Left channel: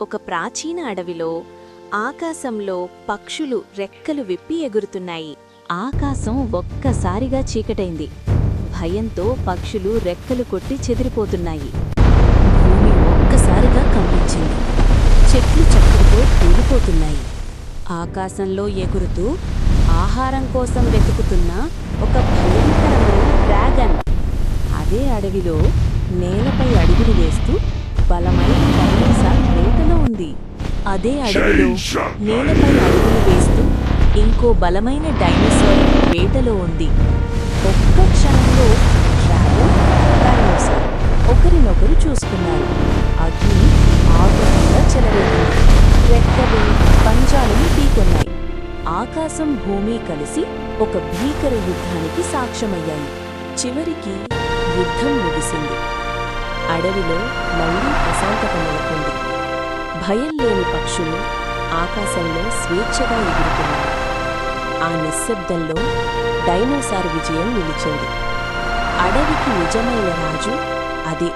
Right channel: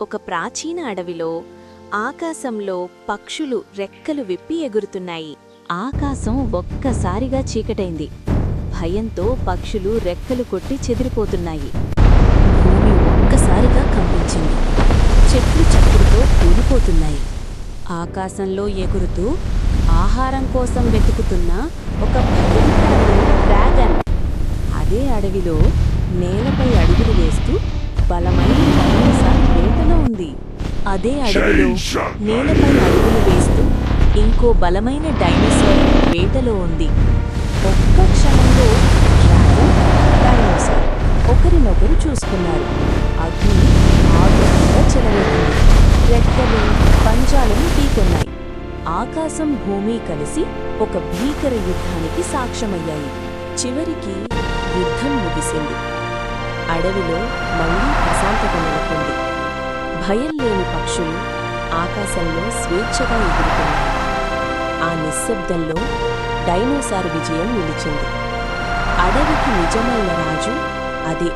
ఒక ప్రాచీన అడవిలో ఆకాశంలో పక్షులు రెక్కలు విప్పి ఎగురుతున్నాయి. ఆకాశం ఒక్కసారిగా చీకటైంది. భయంతో పక్షులు రెక్కలు కొట్టి చెదిరిపోతున్నాయి. భూమి ఒక్కసారిగా కంపించింది. చెట్లు చప్పుడుతో కూలిపోతున్నాయి. ఆకాశంలో ఎగురుతూ ఆహారం కోసం వెతుకుతున్న ఒక భయంకరమైన డ్రాగన్ అదే అడవిలో నేలపై అడుగులు వేస్తూ బలమైన డైనోసార్ వేటలో ఉంది. అదే అడవిలో నేలపై అడుగులు వేస్తూ ఇంకో బలమైన డైనోసార్ వేటలో ఉంది. ఒక్క క్షణంలో డ్రాగన్, డైనోసార్ ఒకరినొకరు చూసుకున్నారు. అగ్ని ఆగ్రహంగా చెలరేగింది. రెక్కలు, పంజాలను ఢీకొన్నాయి. ఆకాశం, భూమి కలిసి ఒక భీకర యుద్ధానికి సాక్ష్యమయ్యాయి. చివరికి యుద్ధం ముగిసింది. అడవిలో మళ్లీ ప్రశాంతత నెలకొంది. భయం లేని పక్షులు ఆకాశంలో స్వేచ్ఛగా ఎగురుతున్నాయి. ఆ నిశ్శబ్దంలో డైనోసార్ విజయం నిలిచింది. అడవికి నిజమైన రాజు అదే.